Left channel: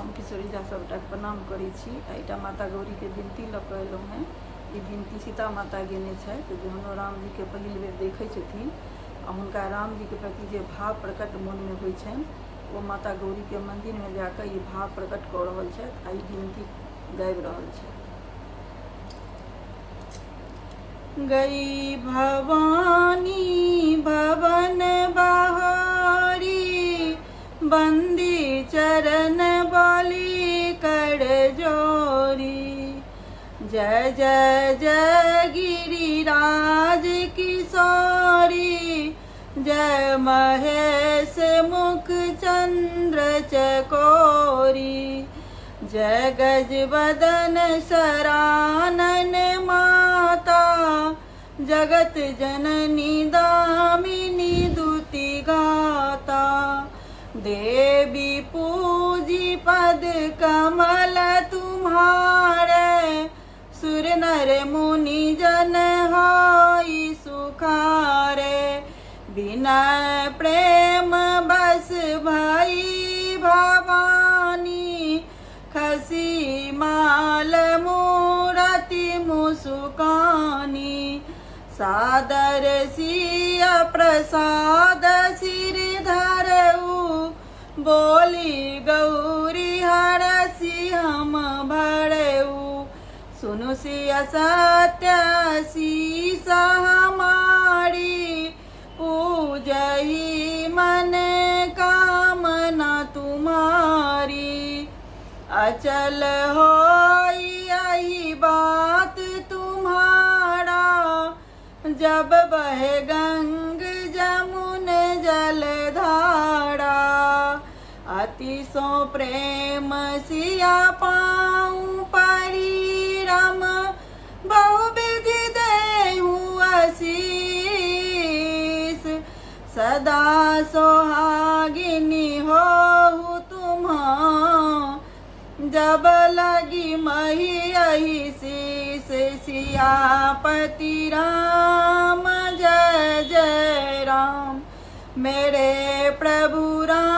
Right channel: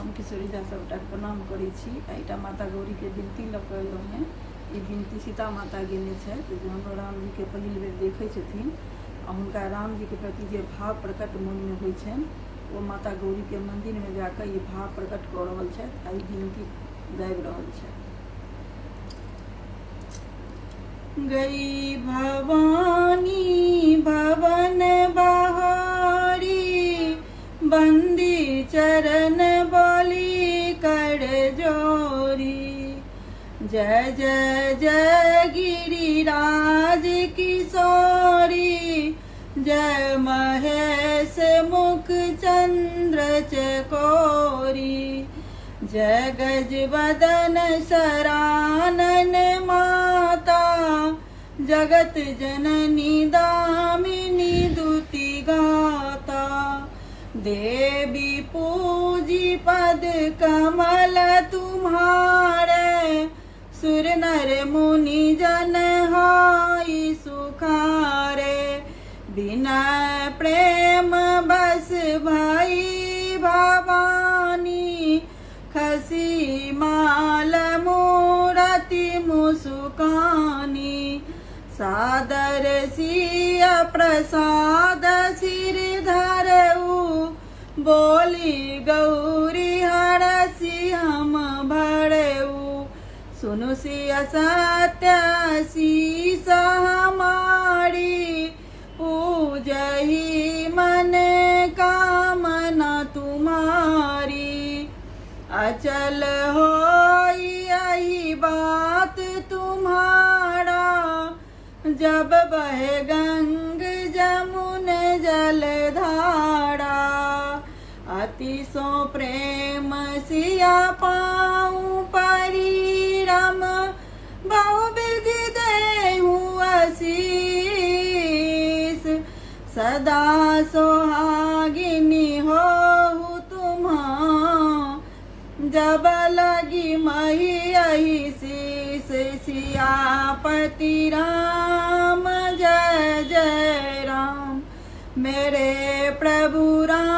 हम किशोरी झा सबटा प्रणाम करै छी। एटा माता गौरी के विनती लऽ कऽ एलहुँ हैं। ई विनती सीता माता गेने छथि जहन राम जी के पहिल बेर देखै छथिन आ हुनका राम जी के प्रति जे भाव प्रकट मन में होइ छनि ओ माता गौरी के मंदिर में जाकर ई भाव प्रकट कऽ रहल छथि आ ई विनती गाबि रहल छथि। गई भवानी भवन बहारी, बंदी चरण बलि कर जोरी। जय जय जय गिरिराज किशोरी, जय महेश मुख चंद्र चकोरी। जय गज बदन सरानन माता, जगत जननी दामिनी दुति गाता। देवी पूजी पद कमल तुम्हारे, सुर नर मुनि जन होई सुखारे। बिनय प्रेम बस भई भवानी, खसी माल मूरति मुसुकानी। सादर सिया प्रसाद सिर धरऊ, बोली गौरी हरसि हम भरऊ। सुनु सिया सत्य शीस हमारी, पूजहि मन कामना तुम्हारी। अचल होई यही बात तुम्हारा, जब बहे गंग जमुन जलधारा। अति सो प्रेम सिया पाऊं परिरम, बहुविधि देहु आशीष। सदा सोहागिनी होहु तुम्हां, जब लगी मही यही शीस। सियापति राम जय जय राम, मेरे प्रभु राम